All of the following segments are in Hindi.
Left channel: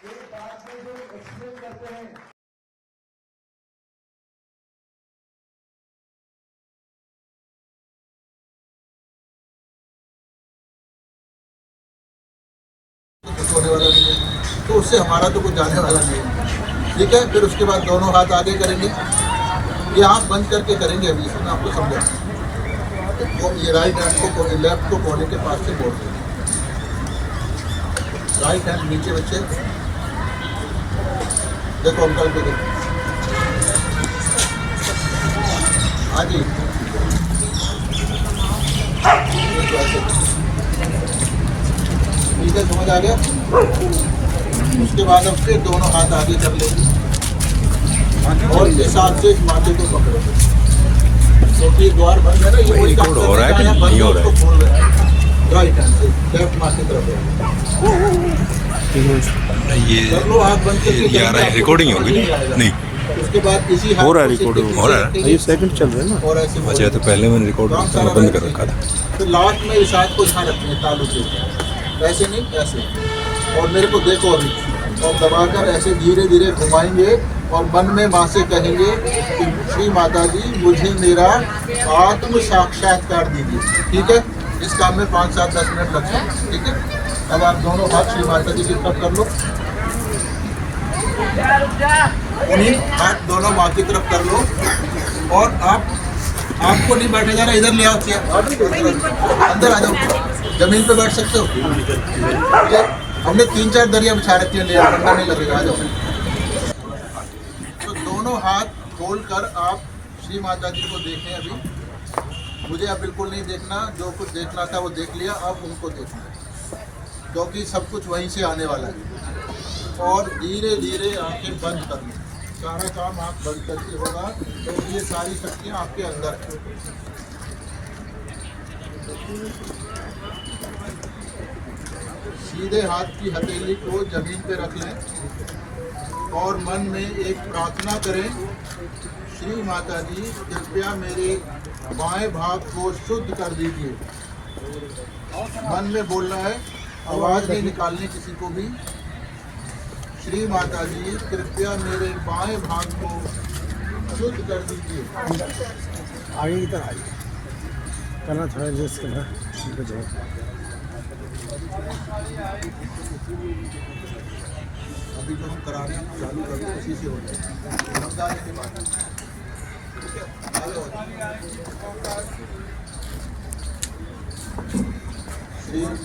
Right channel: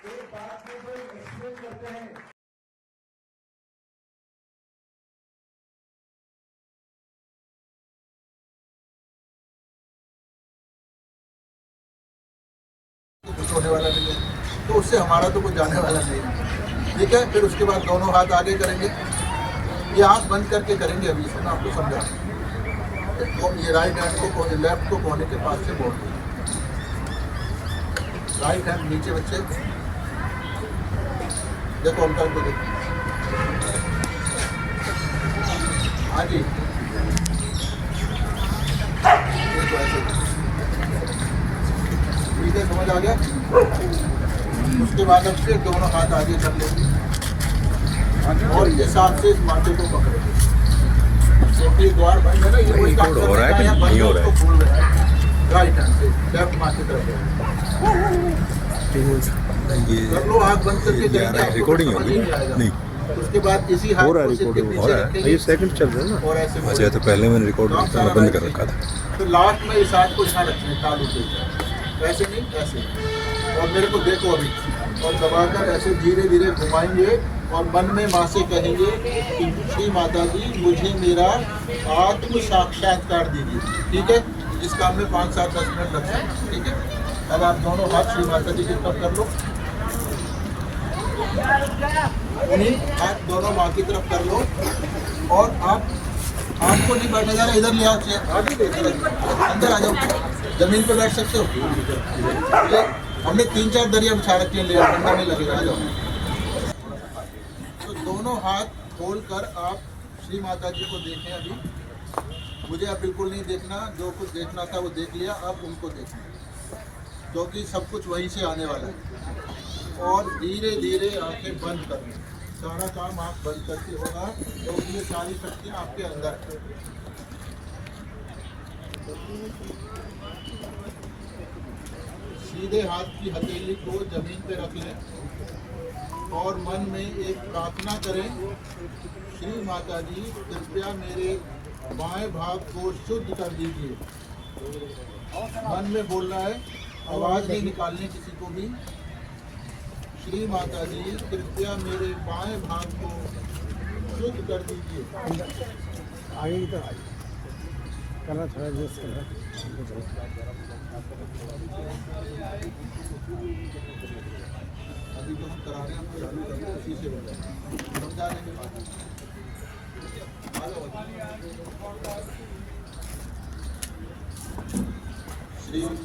एक बात में जो एक्सप्लेन करते हैं कुछ होने वाला नहीं है, तो उससे हमारा तो कुछ जाने वाला नहीं है। ठीक है, फिर उसके बाद दोनों हाथ आगे करेंगे, ये आँख बंद करके करेंगे। अभी इसमें मैं आपको समझा, तो ये राइट हैंड को लेफ्ट को बॉडी के पास से मोड़ देंगे। राइट हैंड नीचे बच्चे, देखो अंकल को देखो। हाँ जी, ठीक है, समझ आ गया। उसके बाद हम फिर दोनों हाथ आगे कर लेंगे और इस हाथ से इस माथे को पकड़ेंगे, क्योंकि द्वार बंद है ना, ये वही काम कर रहा है, बंद है उसको खोल रहे हैं। राइट हैंड से लेफ्ट माथे तरफ ये कर लो, हाथ बंद करके ये आ रहा है, रिकॉर्डिंग होगी नहीं? उसके बाद इसी हाथ हो रहा है, को रिकॉर्डिंग हो रहा है। ये सेकंड चल रहा है ना। और ऐसे अच्छा, तो पहले मैंने रिकॉर्ड बंद कर रखा था। फिर लास्ट में इस हाथ को यहाँ रखें तालू से, ऐसे नहीं ऐसे, और मेरे को देखो अभी, और दबाकर ऐसे धीरे धीरे घुमाएंगे और मन में वहाँ से कहेंगे कि श्री माता जी मुझे मेरा आत्म साक्षात्कार दीजिए। ठीक है, इस काम में 5, 7, 10 मिनट लगते हैं। ठीक है, अब आप दोनों हाथ श्री माता जी की तरफ कर लो, उन्हीं हाथ दोनों माँ की तरफ कर लो, और आपको नहीं बैठा जा रहा, इधर ले आओ चेयर, अंदर आ जाओ, जमीन पे बैठ सकते हो। हमने 3-4 दरिया बिछा रखी है, ले बढ़िया नहीं लगेगा, आ जाओ। तो दोनों हाथ खोलकर आप श्री माता जी को देखें। अभी मुझे अब बिल्कुल नहीं देखना, जो कुछ देखना था वो देख लिया, अब उनको देखना है, क्योंकि सब कुछ वहीं से आने वाला है। और धीरे धीरे आंखें बंद कर लें, सारा काम आप बंद करके होगा, तो ये सारी शक्तियाँ आपके अंदर। सीधे हाथ की हथेली को जमीन पे रख लें और मन में एक प्रार्थना करें, श्री माता जी कृपया मेरे बाएं भाग को शुद्ध कर दीजिए। मन में बोलना है, आवाज़ नहीं निकालनी किसी को भी। श्री माता जी कृपया मेरे बाएं भाग को शुद्ध कर दीजिए। आगे की तरफ आइए, करना थोड़ा एडजस्ट करना। अभी जो हम करा रहे हैं चालू करके उसी से होते हैं, समझदारी की बात है।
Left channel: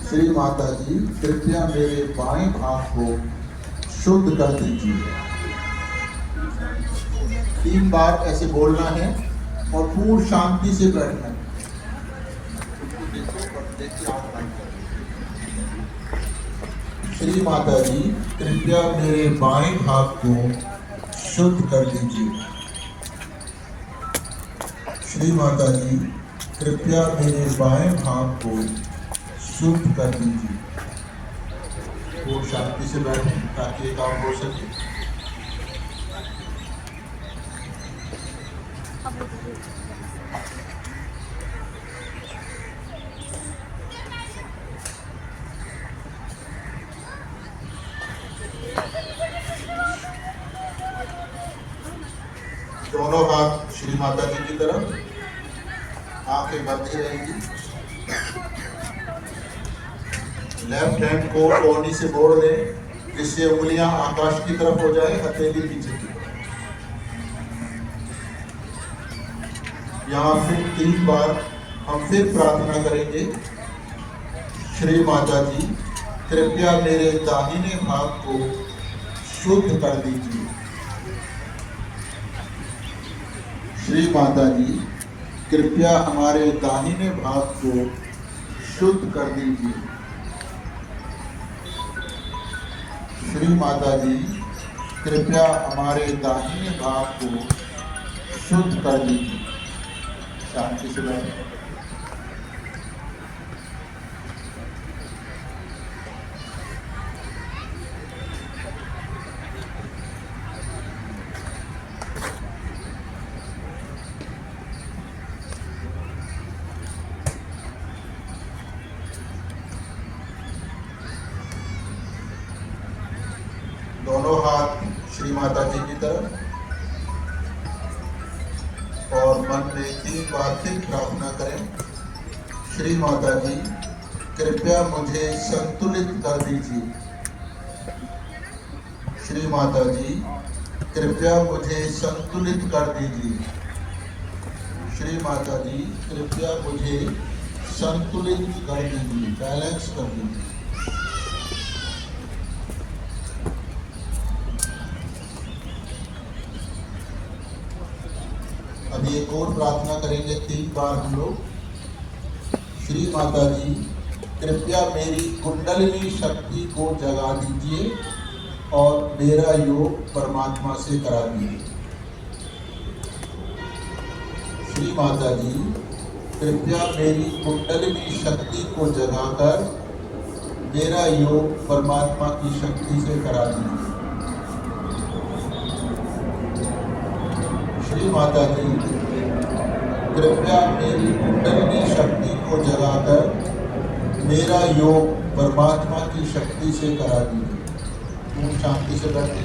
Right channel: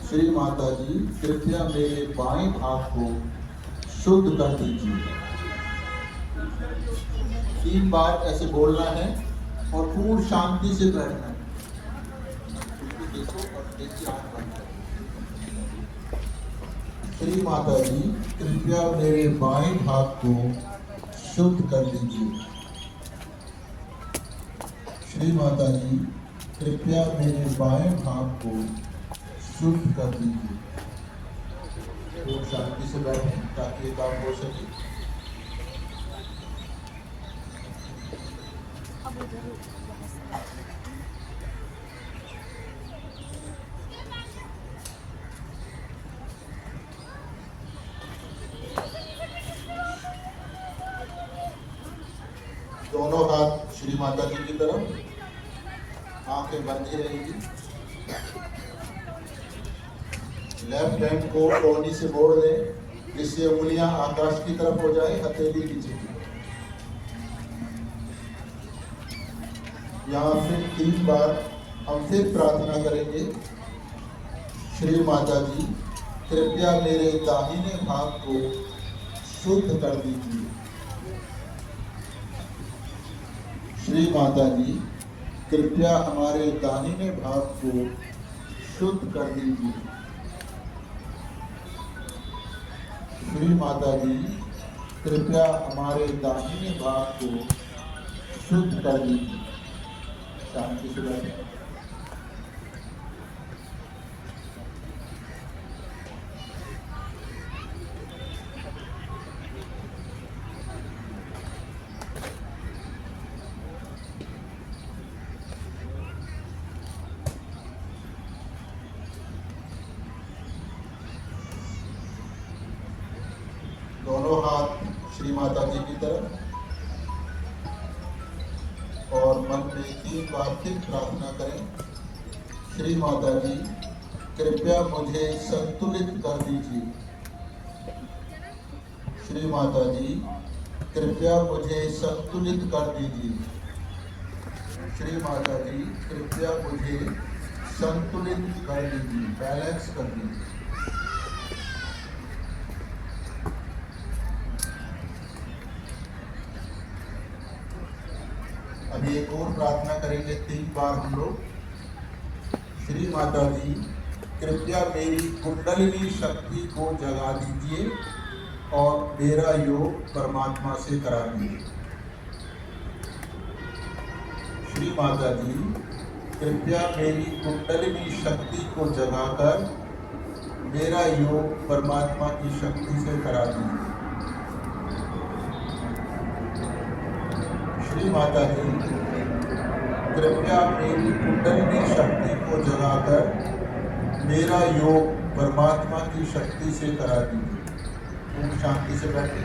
श्री माता जी कृपया मेरे बाएं भाग को शुद्ध कर दीजिए। 3 बार ऐसे बोलना है और पूर्ण शांति से बैठना है। देखो और देख के आँख बंद करो। श्री माता जी कृपया मेरे बाएं भाग को शुद्ध कर दीजिए। श्री माता जी कृपया मेरे बाएं भाग को शुद्ध कर दीजिए। वो शांति से बैठे ताकि ये काम हो सके। दोनों हाथ श्री माता जी की तरफ, आंखें बंद ही रहेंगी। लेफ्ट हैंड को कोहनी से मोड़ दें, जिससे उंगलियां आकाश की तरफ हो जाए, हथेली नीचे की। यहाँ फिर 3 बार हम फिर प्रार्थना करेंगे, श्री माता जी कृपया मेरे दाहिने भाग को शुद्ध कर दीजिए। श्री माता जी कृपया हमारे दाहिने भाग को शुद्ध कर दीजिए। श्री माता जी कृपया हमारे दाहिने भाग को शुद्ध कर दीजिए। शांति से बैठे। माता जी की तरफ और मन में 3 बार फिर प्रार्थना करें। श्री माता जी, कृपया मुझे संतुलित कर दीजिए। श्री माता जी, कृपया मुझे संतुलित कर दीजिए। श्री माता जी, कृपया मुझे संतुलित कर दीजिए, बैलेंस कर दीजिए। अभी एक और प्रार्थना करेंगे 3 बार हम लोग। श्री माता जी, कृपया मेरी कुंडलिनी शक्ति को जगा दीजिए और मेरा योग परमात्मा से करा दीजिए। श्री माता जी, कृपया मेरी कुंडलिनी शक्ति को जगाकर मेरा योग परमात्मा की शक्ति से करा दीजिए। श्री माता जी, कृपया मेरी कुंडलिनी शक्ति को जगाकर मेरा योग परमात्मा की शक्ति से करा दीजिए। शांति से बैठे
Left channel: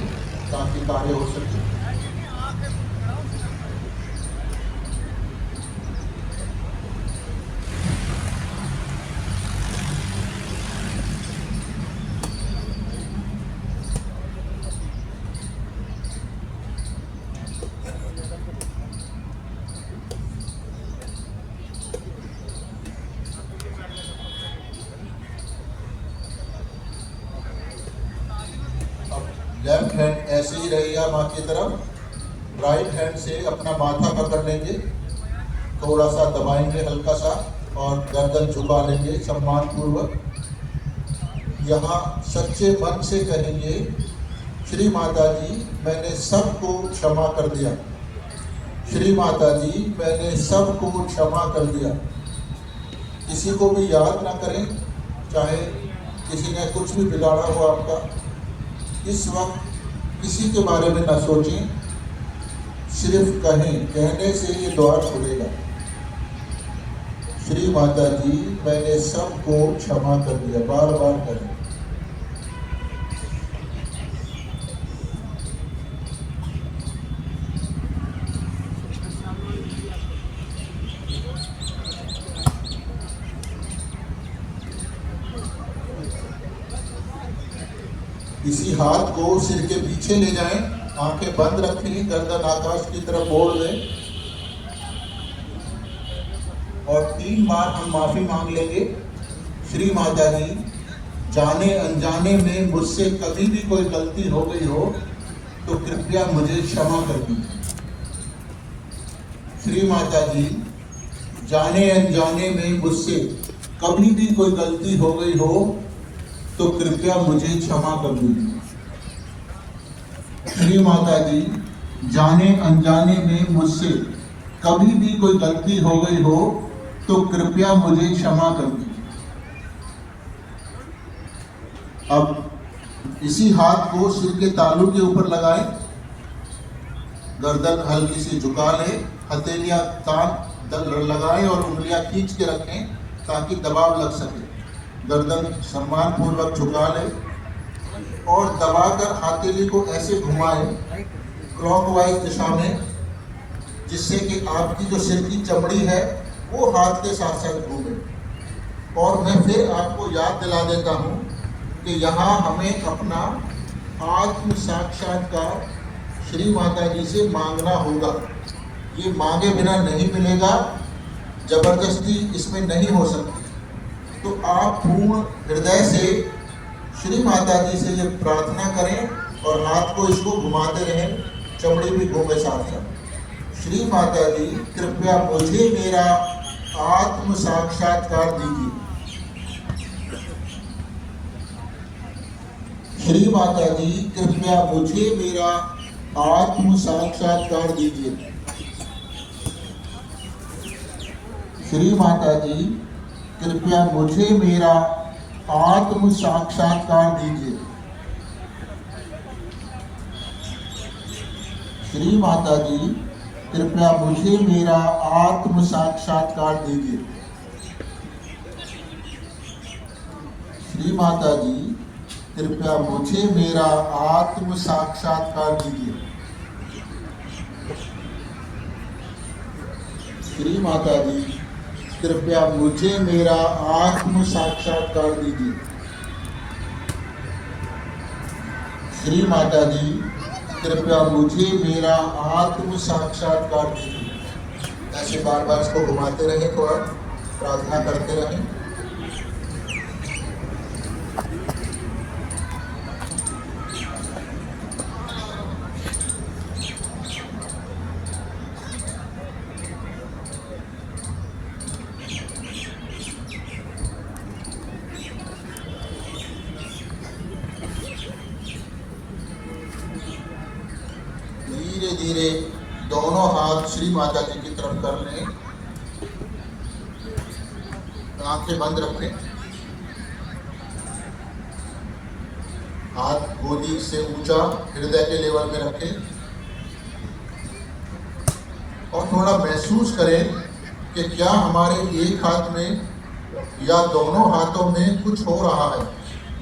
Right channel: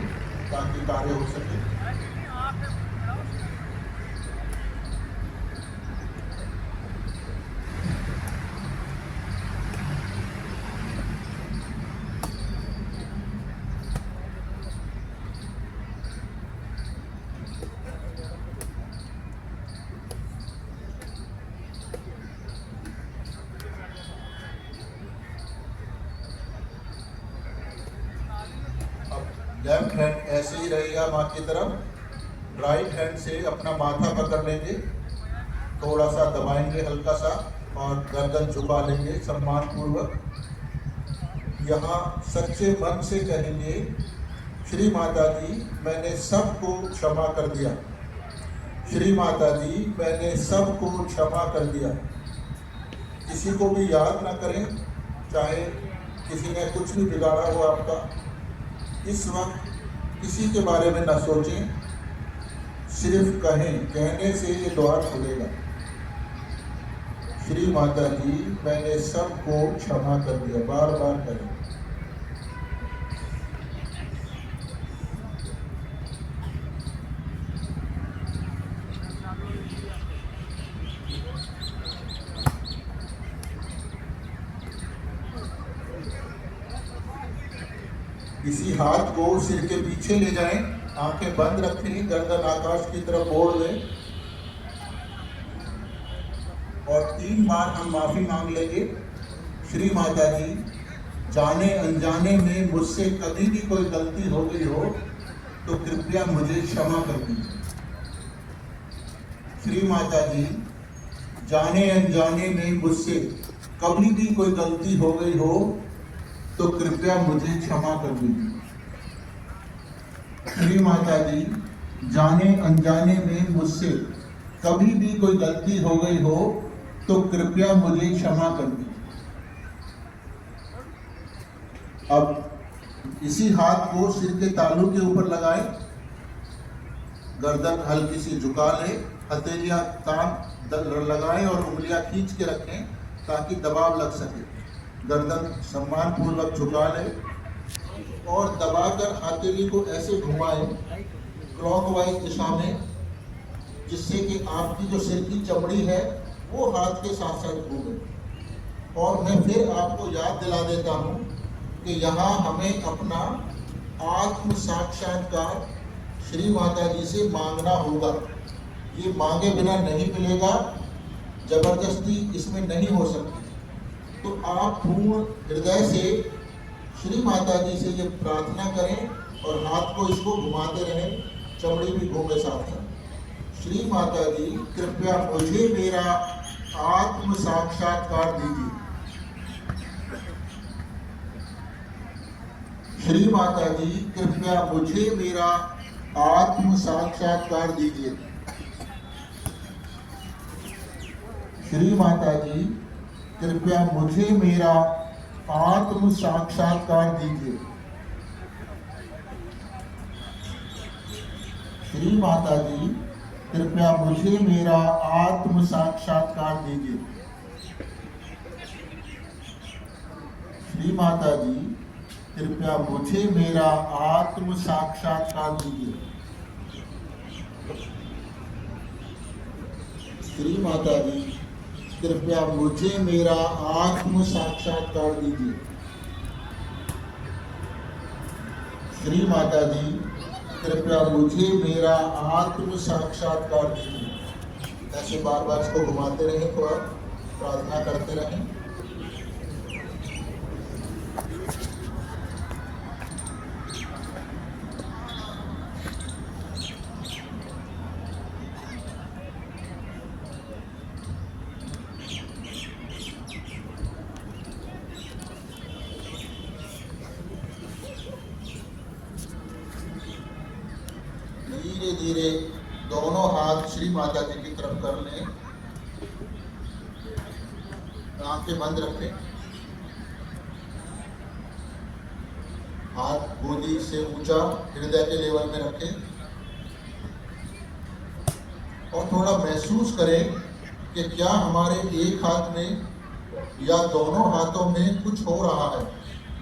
ताकि कार्य हो सके। लेफ्ट हैंड ऐसे ही रहेगा माँ की तरफ। राइट हैंड से अपना माथा पकड़ लेंगे, थोड़ा सा दबाएंगे हल्का सा और गर्दन झुका लेंगे सम्मान पूर्वक। यहाँ सच्चे मन से कहेंगे, श्री माता जी, मैंने सबको क्षमा कर दिया। श्री माता जी, मैंने सबको क्षमा कर दिया। किसी को भी याद ना करें, चाहे किसी ने कुछ भी बिगाड़ा हो आपका, इस वक्त किसी के बारे में ना सोचें, सिर्फ कहें। कहने से ये द्वार खुलेगा। श्री माता जी, मैंने सबको क्षमा कर दिया। बार बार करें। इसी हाथ को सिर के पीछे ले जाएं, आंखें बंद रखें, गर्दन आकाश की तरफ मोड़ दें और 3 बार हम माफी मांग लेंगे। श्री माता जी, जाने अनजाने में मुझसे कभी भी कोई गलती हो गई हो तो कृपया मुझे क्षमा कर दीजिए। श्री माता जी, जाने अनजाने में मुझसे कभी भी कोई गलती हो गई हो तो कृपया मुझे क्षमा कर दीजिए। श्री माता जी, जाने अनजाने में मुझसे कभी भी कोई गलती हो गई हो तो कृपया मुझे क्षमा कर दीजिए। अब इसी हाथ को सिर के तालू के ऊपर लगाएं, गर्दन हल्की सी झुका लें, हथेलियां कान लगाएं और उंगलियां खींच के रखें ताकि दबाव लग सके। गर्दन सम्मान पूर्वक झुका लें और दबाकर हथेली को ऐसे घुमाएं क्लॉकवाइज दिशा में, जिससे कि आपकी जो सिर की चमड़ी है वो हाथ के साथ साथ घूमे। और मैं फिर आपको याद दिला देता हूँ कि यहाँ हमें अपना आत्म साक्षात्कार श्री माता जी से मांगना होगा। ये मांगे बिना नहीं मिलेगा, जबरदस्ती इसमें नहीं हो सकती। तो आप पूर्ण हृदय से श्री माता जी से ये प्रार्थना करें और हाथ को इसको घुमाते रहें, चमड़ी भी घूमे साथ साथ। श्री माता जी, कृपया मुझे मेरा आत्म साक्षात्कार दीजिए। श्री माता जी, कृपया मुझे मेरा आत्म साक्षात्कार दीजिए। श्री माता जी, कृपया मुझे मेरा आत्म साक्षात्कार दीजिए। श्री माता जी, कृपया मुझे मेरा आत्म साक्षात्कार दीजिए। श्री माता जी, कृपया मुझे मेरा आत्म साक्षात्कार दीजिए। श्री माता जी, कृपया मुझे मेरा आत्म साक्षात्कार दीजिए। श्री माता जी, कृपया मुझे मेरा आत्म साक्षात्कार दीजिए। ऐसे बार बार इसको घुमाते रहें, थोड़ा प्रार्थना करते रहें। धीरे धीरे दोनों हाथ श्री माता जी की तरफ कर लें। आंखें बंद रखें। हाथ गोदी से ऊंचा हृदय के लेवल में रखें और थोड़ा महसूस करें कि क्या हमारे एक हाथ में या दोनों हाथों में कुछ हो रहा है।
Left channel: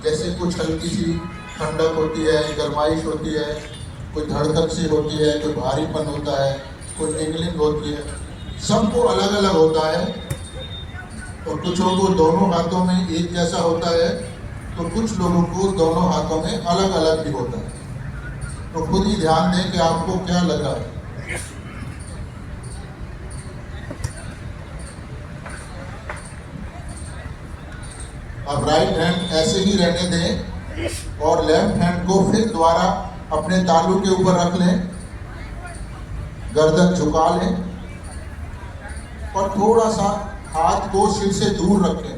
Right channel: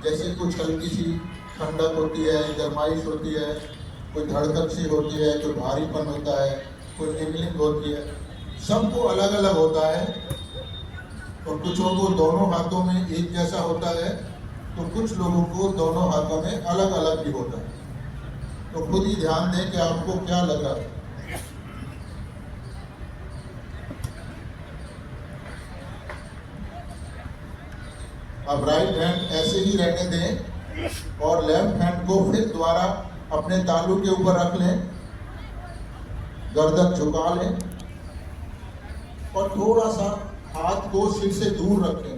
जैसे कुछ हल्की सी ठंडक होती है, गर्माइश होती है, कोई धड़कन सी होती है, कोई भारीपन होता है, कोई टिंगलिंग होती है। सबको अलग अलग होता है और कुछों को दोनों हाथों में एक जैसा होता है, तो कुछ लोगों को दोनों हाथों में अलग अलग भी होता है। तो खुद ही ध्यान दें कि आपको क्या लग रहा है। अब राइट हैंड ऐसे ही रहने दें और लेफ्ट हैंड को फिर दोबारा अपने तालू के ऊपर रख लें, गर्दन झुका लें और थोड़ा सा हाथ को सिर से दूर रखें।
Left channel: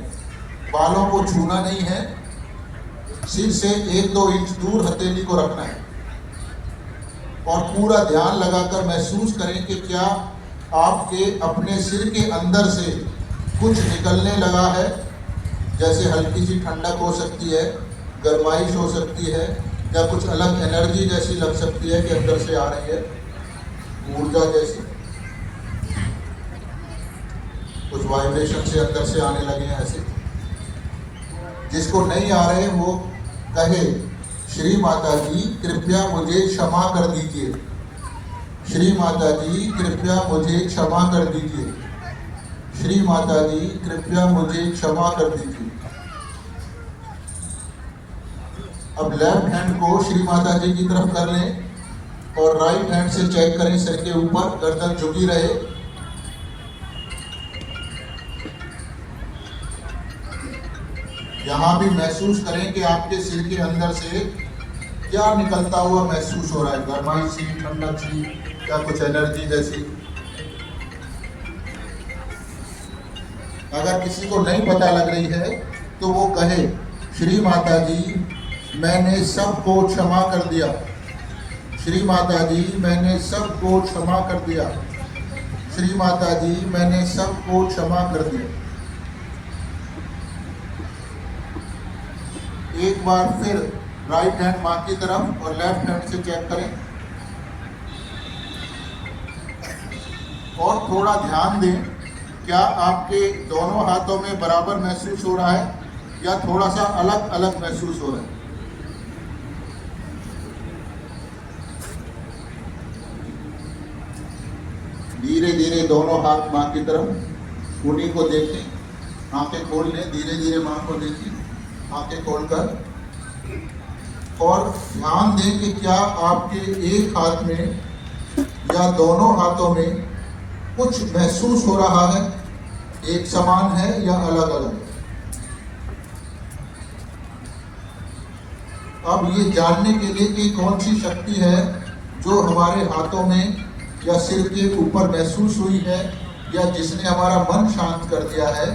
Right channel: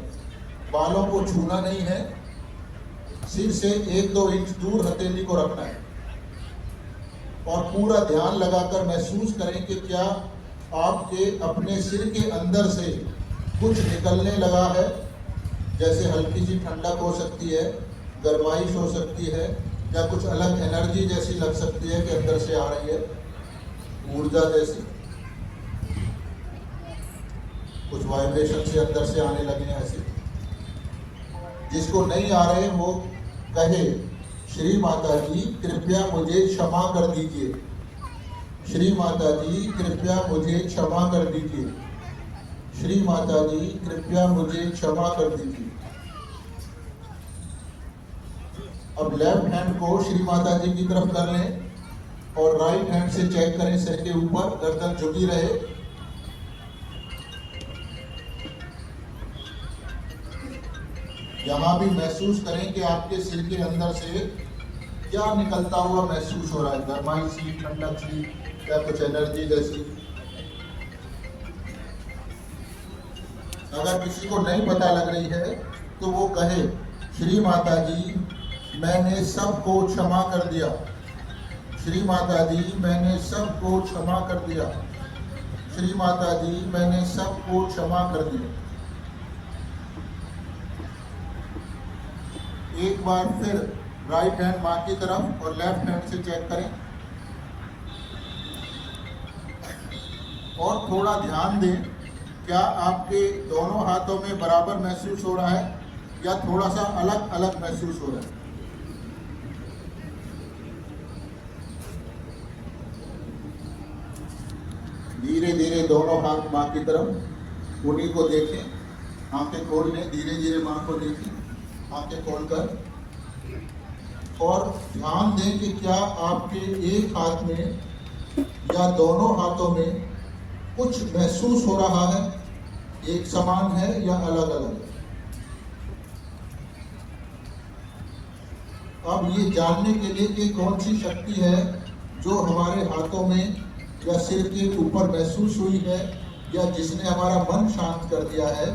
बालों को छूना नहीं है, सिर से 1-2 इंच दूर हथेली को रखना है और पूरा ध्यान लगाकर महसूस करें कि क्या आपके अपने सिर के अंदर से कुछ निकलने लगा है। जैसे हल्की सी ठंडक हो सकती है, गर्माइश हो सकती है, या कुछ अलग एनर्जी जैसी लग सकती है कि अंदर से आ रही है, ऊर्जा जैसी, कुछ वाइब्रेशन से अंदर से आने लगे हैं ऐसे। जिसको नहीं आ रहे वो कहे, श्री माता जी कृपया मुझे क्षमा कर दीजिए। श्री माता जी कृपया मुझे क्षमा कर दीजिए। श्री माता जी कृपया मुझे क्षमा कर दीजिए। अब लेफ्ट हैंड को श्री माता जी की तरफ कर लें और राइट हैंड से चेक करें, सिर के ऊपर गर्दन झुकी रहे। यहां भी महसूस करें कि आपके सिर के अंदर से क्या निकलता हुआ महसूस हो रहा है, गर्माइश सी, ठंडक सी, या कुछ एनर्जी जैसी। अगर किसी को नहीं पता लग रही है तो वो कहे, श्री माता जी मैंने सबको क्षमा कर दिया। श्री माता जी मैंने सबको क्षमा कर दिया। श्री माता जी मैंने सबको क्षमा कर दिया। एक बार फिर राइट हैंड मां की तरफ और लेफ्ट हैंड से चेक करें और थोड़ा ध्यान दें, क्या आपके दोनों हाथों में बराबर महसूस हो रहा है या थोड़ा सा अलग अलग महसूस हो रहा है। धीरे धीरे दोनों हाथ मां की तरफ, उन्हीं को देखें, आंखें खोल लें, धीरे धीरे मां को देखें, आंखें खोलकर, और ध्यान दें कि क्या आपके एक हाथ में या दोनों हाथों में कुछ महसूस हो रहा है, एक समान है या अलग अलग। अब ये जानने के लिए कि कौन सी शक्ति है जो हमारे हाथों में या सिर के ऊपर महसूस हुई है या जिसने हमारा मन शांत कर दिया है,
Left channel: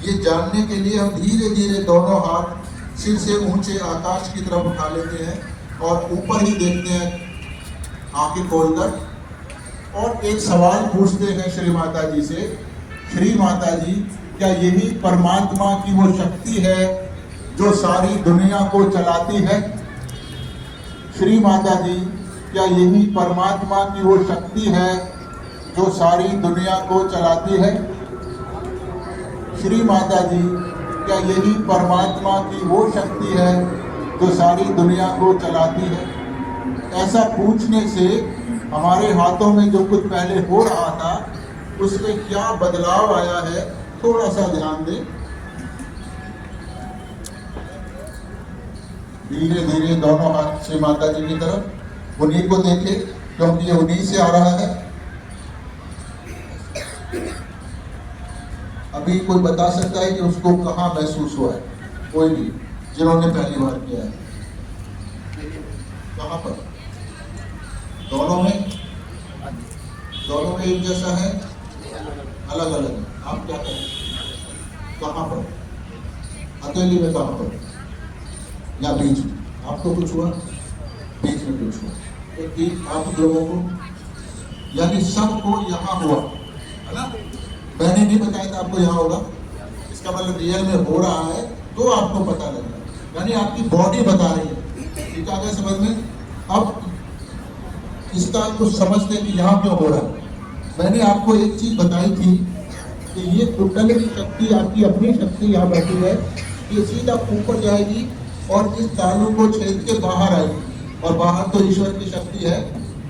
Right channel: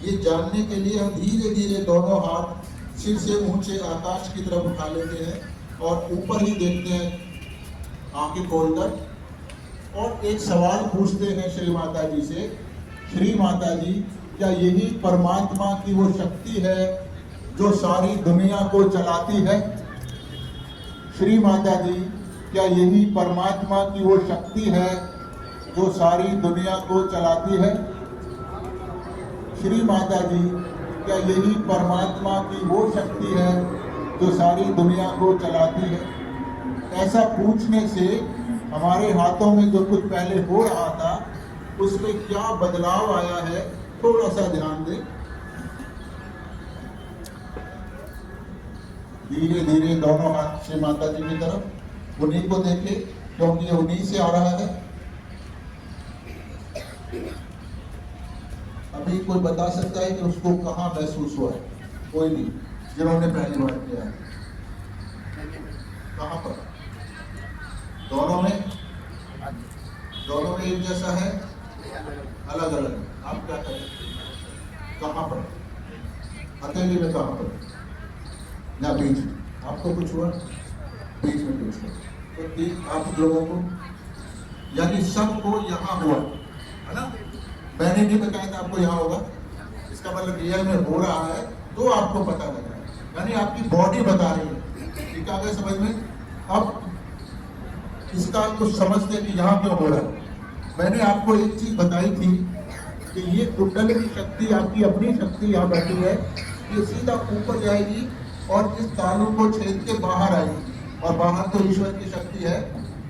ये जानने के लिए हम धीरे धीरे दोनों हाथ सिर से ऊंचे आकाश की तरफ उठा लेते हैं और ऊपर ही देखते हैं आंखें खोलकर, और एक सवाल पूछते हैं श्री माता जी से, श्री माता जी क्या यही परमात्मा की वो शक्ति है जो सारी दुनिया को चलाती है। श्री माता जी क्या यही परमात्मा की वो शक्ति है जो सारी दुनिया को चलाती है। श्री माता जी क्या यही परमात्मा की वो शक्ति है जो सारी दुनिया को चलाती है। ऐसा पूछने से हमारे हाथों में जो कुछ पहले हो रहा था उसमें क्या बदलाव आया है, थोड़ा सा ध्यान दें। धीरे धीरे दोनों हाथ श्री माता जी की तरफ, उन्हीं को देखें क्योंकि ये उन्हीं से आ रहा है। अभी कोई बता सकता है कि उसको कहाँ महसूस हुआ है? कोई नहीं, जिन्होंने पहली बार किया है। कहाँ पर? दोनों में एक जैसा है, अलग अलग है। आप क्या करें? कहाँ पर? हथेली में कहाँ पर? या बीच में? आपको कुछ हुआ? बीच में कुछ हुआ? क्योंकि आप लोगों को, यानी सबको यहाँ हुआ है ना? मैंने नहीं बताया था आपको यहाँ होगा, इसका मतलब रियल में हो रहा है तो आपको पता लग रहा है, यानी आपकी बॉडी बता रही है। ठीक है समझ में? अब इसका कुछ समझते हैं कि यहाँ क्यों हो रहा है। मैंने आपको एक चीज बताई थी कि ये कुंडलिनी शक्ति, आपकी अपनी शक्ति यहाँ बैठी है, ये सीधा ऊपर जाएगी और इस तालू को छेद के बाहर आएगी, और बाहर तो ईश्वर की शक्ति है,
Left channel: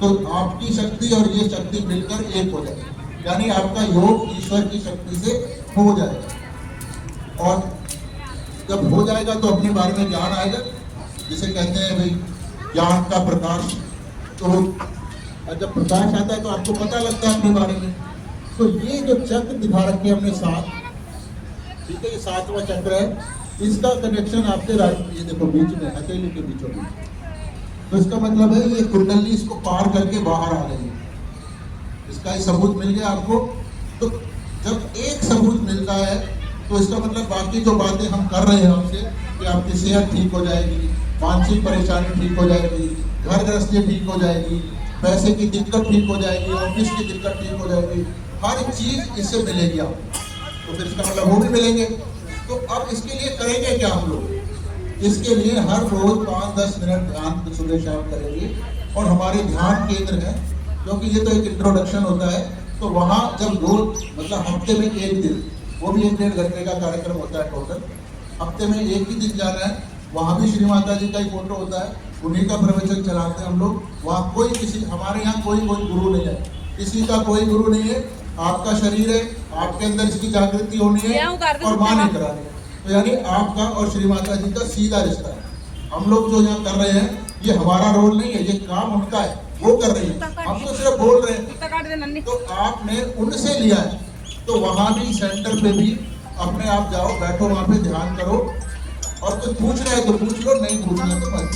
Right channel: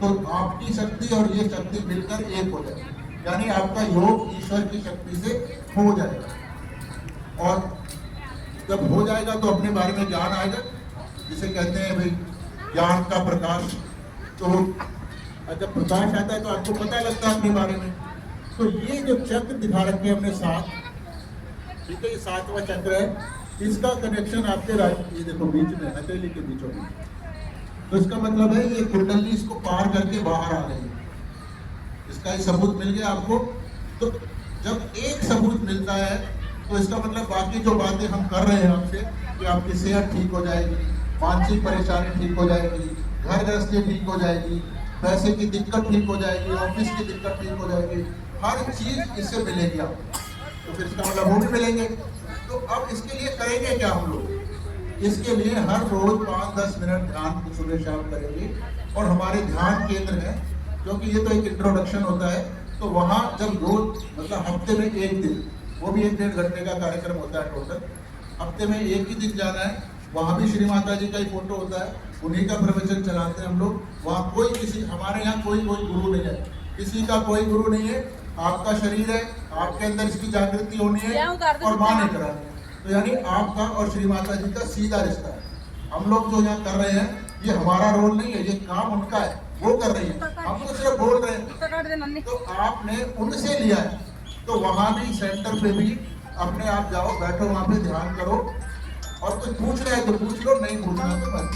तो आपकी शक्ति और ये शक्ति मिलकर एक हो जाएगी, यानी आपका योग ईश्वर की शक्ति से हो जाएगा। और जब हो जाएगा तो अपने बारे में ज्ञान आएगा, जिसे कहते हैं भाई ज्ञान का प्रकाश। तो जब प्रकाश आता है तो आपको पता लगता है अपने बारे में। तो ये जो चक्र दिखा रखे हमने सात, ठीक है, ये 7वां चक्र है, इसका कनेक्शन आपके ये देखो बीच में, हथेली के बीचों में। तो इसका मतलब है ये कुंडली इसको पार करके बाहर आ रही है। इसका ही सबूत मिल गया आपको। तो जब एक सबूत मिलता है तो इसका मतलब बाकी जो बातें हम कर रहे हैं हमसे कि आपकी सेहत ठीक हो जाएगी, मानसिक परेशानी ठीक हो जाएगी, घर गृहस्थी ठीक हो जाएगी, पैसे की दिक्कत ठीक हो जाएगी, ऑफिस की दिक्कत ठीक हो जाएगी, हर चीज इससे मिलेगी आपको। तो फिर इसका मतलब वो भी मिलेंगे। तो अब इसके लिए करेंगे क्या हम लोग? इसके लिए हर रोज 5-10 मिनट ध्यान सुबह शाम करेंगे। और हमारे ध्यान केंद्र है, क्योंकि ये तो एक इंट्रोडक्शन होता है, तो वहाँ जब रोज मतलब हफ्ते में एक दिन, वो भी 1-1.5 घंटे का कार्यक्रम होता है टोटल, हफ्ते में एक ही दिन जाना है। वहाँ भी श्री माता जी का ही फोटो होता है, उन्हीं का प्रवचन चलाते हैं हम लोग। वहाँ कोई किसी, हमारे यहाँ कोई गुरु नहीं है, किसी का कोई गुरु नहीं है। आपका शरीर है, आपके अंदर इसकी जागृति होनी है और माँ ने करानी है। तो यानी आपका और श्री माता जी का सीधा रिश्ता है। हम लोग जो यहाँ कर रहे हैं ये हमारा रोल नहीं है, ये काम उनका है, वो कर रही है, हम तो सिर्फ बोल रहे हैं। तो आपने उनसे लिया है, तो वहाँ भी सेंटर पे भी अपने आप जाओ, बैठो वहाँ पे ध्यान करो, और कुछ पूछना है तो पूछ लो, नहीं पूछना है तो मत।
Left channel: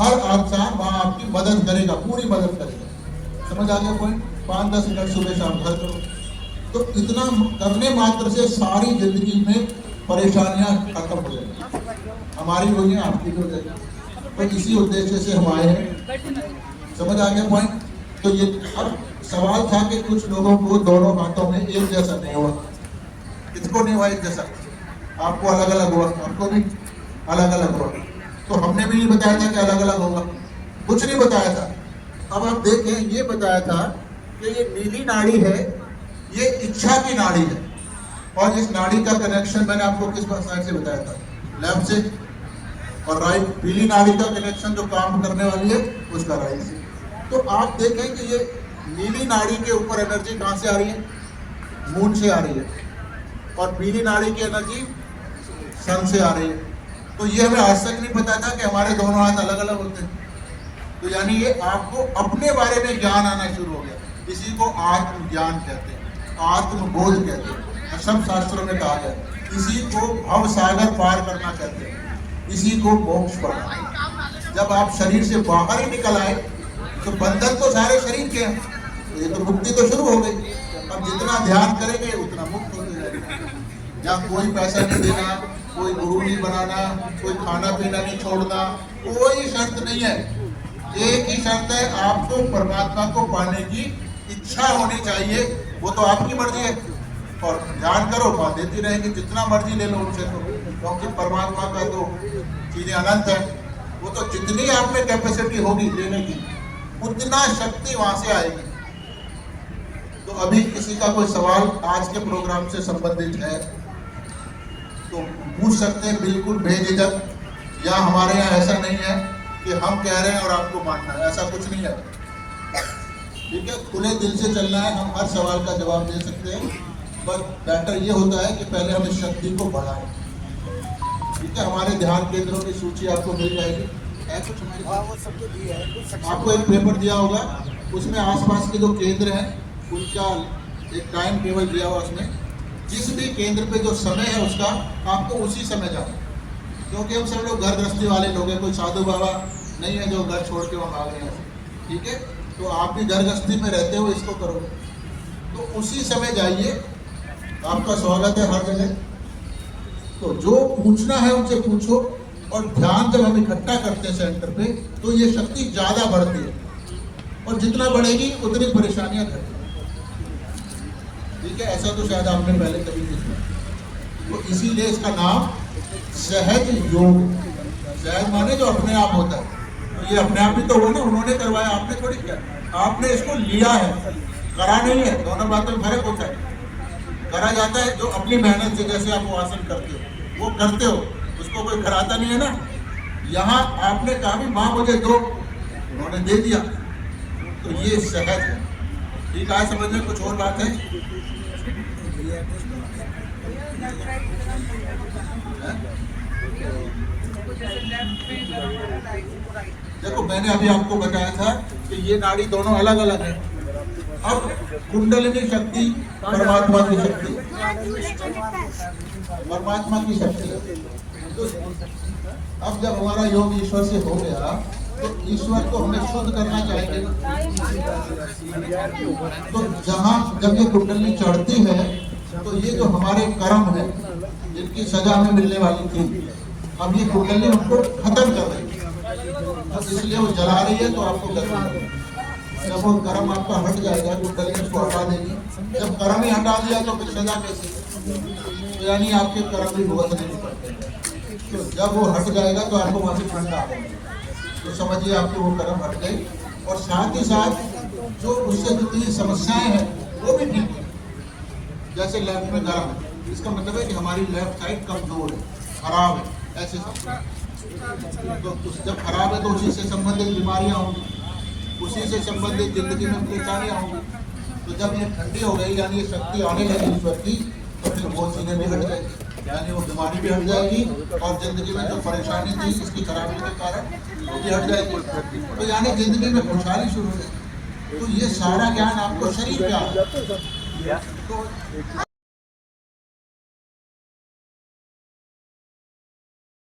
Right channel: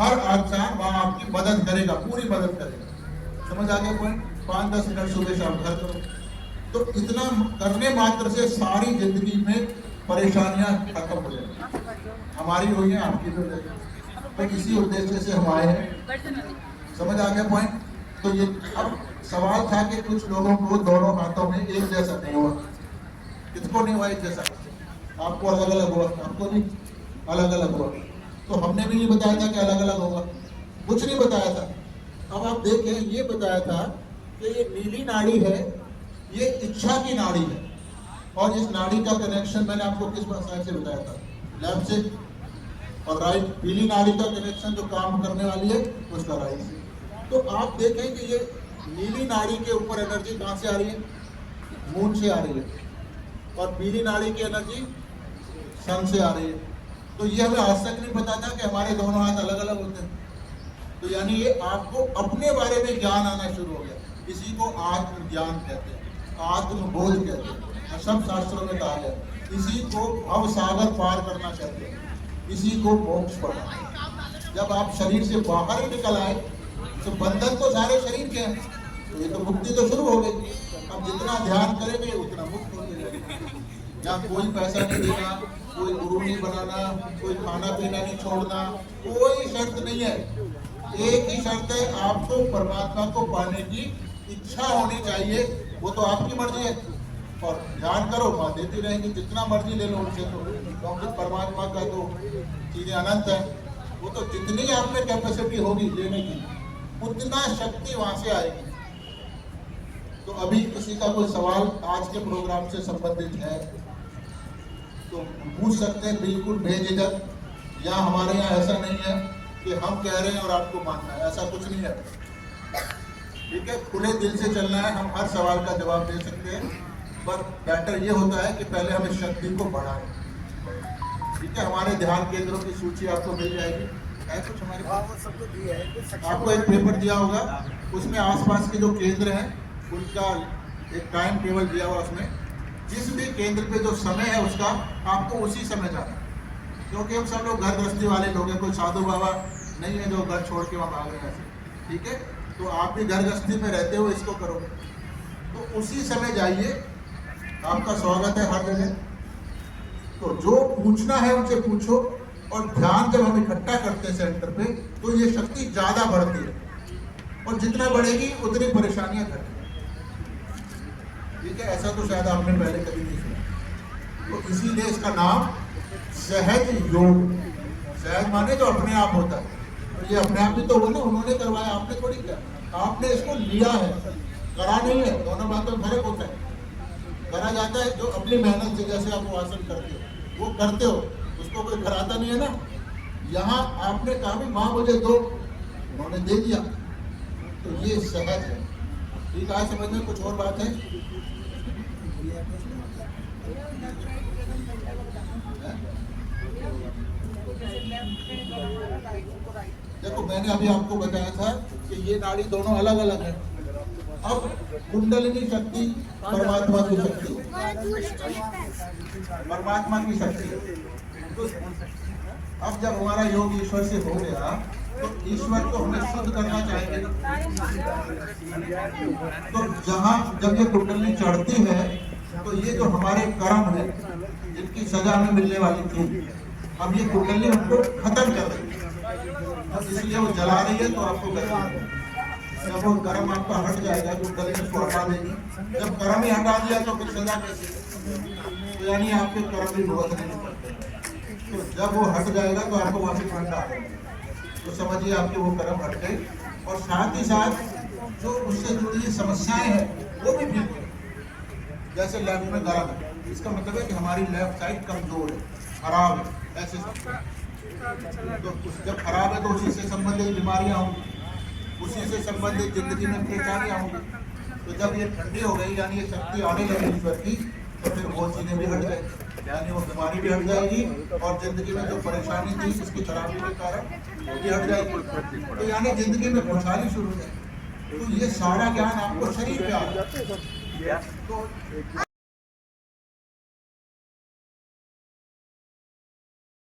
हर आचार वहाँ आपकी मदद करेगा, पूरी मदद करेगा। समझ आ गया पॉइंट? 5-10 मिनट सुबह शाम घर करो। तो इतना करने मात्र से सारी जिंदगी में परेशानियां खत्म हो जाएगी, हमारी हो गई, आपकी हो जाएगी। तो इसी उद्देश्य से हम आए हैं। समझ आ गया पॉइंट? तो ये अब सवाल था कि कुछ लोगों को दोनों हाथों में एक जैसा नहीं हुआ, इसको नहीं हुआ एक जैसा, आपको अलग अलग हुआ, आपको भी अलग अलग हुआ। तो हमने भी नहीं बताया था कि अलग अलग होगा, कुछ नहीं बताया था। अब आप देखें, ये बताया था कि ये नीली नाड़ी है, ये इच्छा की नाड़ी है, और इस नाड़ी का कनेक्शन मैंने आपको किस साइड से बताया था? लेफ्ट से। और राइट, पीली नाड़ी का कनेक्शन जो काम करने वाली है उसका राइट से। तो आप देखें कि ये नीली नाड़ी के ऊपर एनर्जी कहाँ से आ रही है? मून से आ रही है, और पीली नाड़ी की एनर्जी सन से आ रही है। तो ये हमें आज तक नहीं पता था कि हमारे दोनों हाथ अलग अलग होते हैं। तो यानी ये आपको अपने बारे में ज्ञान आना शुरू हो गया। इसी को आत्म ज्ञान कहते हैं, आत्मबोध कहते हैं, सब शास्त्रों में कहा गया। इसी को भव सागर पार करना कहते हैं, इसी को मोक्ष पाना। जब आप शरीर से बाहर ही निकल आए तो बंधन तो सारे शरीर के हैं, ये तो मुक्ति तो शुरू हो गई। अब जितना ध्यान करेंगे उतना मुक्त हो जाएगा। या कोई पैसा नहीं देना, कोई गुरु नहीं बनाना, कोई खाना पीना नहीं छोड़ना, कोई शर्त नहीं है। एक ही शर्त है, आपको परमात्मा को पाने की इच्छा होनी चाहिए। वो तो आपकी मर्जी है, और ध्यान करो, माँ देती रहेगी, जितना मर्जी ले लो उनसे, तो क्योंकि परमात्मा का तो चीजें अनंत है। वो तो जितनी आप में कैपेसिटी होगी लेने की, उतना शक्ति वहां से आएगी। तो अभी किसी का कोई सवाल आज के प्रोग्राम से संबंधित है तो पूछ सकते हैं, बिल्कुल बेझिझक। या हमारे यहाँ ऐसा नहीं है कि हम कह रहे हैं और आपको मानना है, ऐसा कुछ नहीं है। ठीक है, खुले दिल से चलना है, हम हर सवाल का जवाब दे सकते हैं, पर बेटर ये होता है कि पहले हम इस शक्ति को बढ़ाएं। ठीक है, हमारे ध्यान केंद्रों की सूची आपको मिल जाएगी, है कुछ हमारे हाँ वो सबको दिया है, कुछ सब आपको एक पेपर दिया होगा, उसमें आसपास के जो केंद्र हैं उनका एक टाइम टेबल दिया हुआ, उसमें जिस भी केंद्र पे जो समय है उसका आपको उसी समय जाना, क्योंकि हम सब लोग घर गृहस्थी वाले लोग हैं, कोई साधु बाबा नहीं है जो घर छोड़ के वहाँ आ गए हैं। ठीक है, तो आप भी घर गृहस्थी में रहते हुए इसको करो, तो उसी समय जाइए, आपका स्वागत है हर जगह। तो जो पूछना है उनसे पूछो, और ध्यान जब हम इकट्ठा करते हैं सेंटर पे तो ये शक्ति ज्यादा बढ़ती है, और जितना बढ़ेगी उतनी परेशानियां घटेंगी। ठीक है, ऐसा तो शायद आपने पहले कभी नहीं सुना, तो इसीलिए इसका नाम सहज योग। सहज माने जो अपने आप होता है, ये अपने आप ही तो हो ना, उन्होंने करवाया, आपने थोड़ी किया, आपने इसको लिया है, करा नहीं है। दोनों बातों में फर्क होता है। करा जाता है जो अपनी मेहनत से, जैसे आप वो आसन करते हो वो करते हो, उसको कोई कराता नहीं है ना। यहाँ आपने कहा भी माँ मुझे दो, उन्होंने दे दिया, तो ये सहज है। ठीक है, समझ में कुछ और बात है? देखो, मैंने अभी आपको बताया था कि ये नाड़ी दोनों अलग अलग हैं। अब कुंडलिनी शक्ति परमात्मा की शक्ति, परमात्मा की शक्ति। तो अब जब हमारा योग ईश्वर से हो गया तो ईश्वर को हमें शुद्ध करना चाहेंगे। तो जहाँ जब ये कुंडलिनी चढ़ती है तो ये जो हमारे कर्म है जिनकी सजा हमें मिलने वाली थी, अब ये कुंडलिनी उनको खत्म कर रही है, इसलिए वो जला रही है। तो आपको करना, जब वो कर्म आपका हट जाएगा कुंडलिनी उसको हटा देगी। जब कर्म ही हटा दिया तो फिर सजा कैसे? तो यानी आपके कर्म भी भुगत नहीं पड़ते। तो जब वो हट जाएगा तो आपको वहाँ से ठंडा आएगा, तो समझिए आपके वो कर्म हट गए, और साथ ही साथ जो उससे जुड़ी समस्याएं हैं वो भी ठीक हो। जैसे लेफ्ट में गर्म है, इसका मतलब है कि हमारी लेफ्ट साइड कमजोर है, खराब है, ऐसे तो जब खराब है तो उसी से संबंधित बीमारियां होंगी, उसी से संबंधित जिंदगी में परेशानियां होंगी। तो जब ये ठंडी हो गई, यानी ये शक्ति आने लगी ईश्वर की, तो फिर वो चीजें भी हट जाएंगी, यानी वो बीमारी भी हट जाएगी, और जिंदगी में जो परेशानी थी इसकी खराबी के कारण वो भी हट जाएगी। तो यानी जिंदगी में खुशहाली शुरू हो जाएगी। तो ये सारा ज्ञान आपको शरीर पे आ रहा है। तो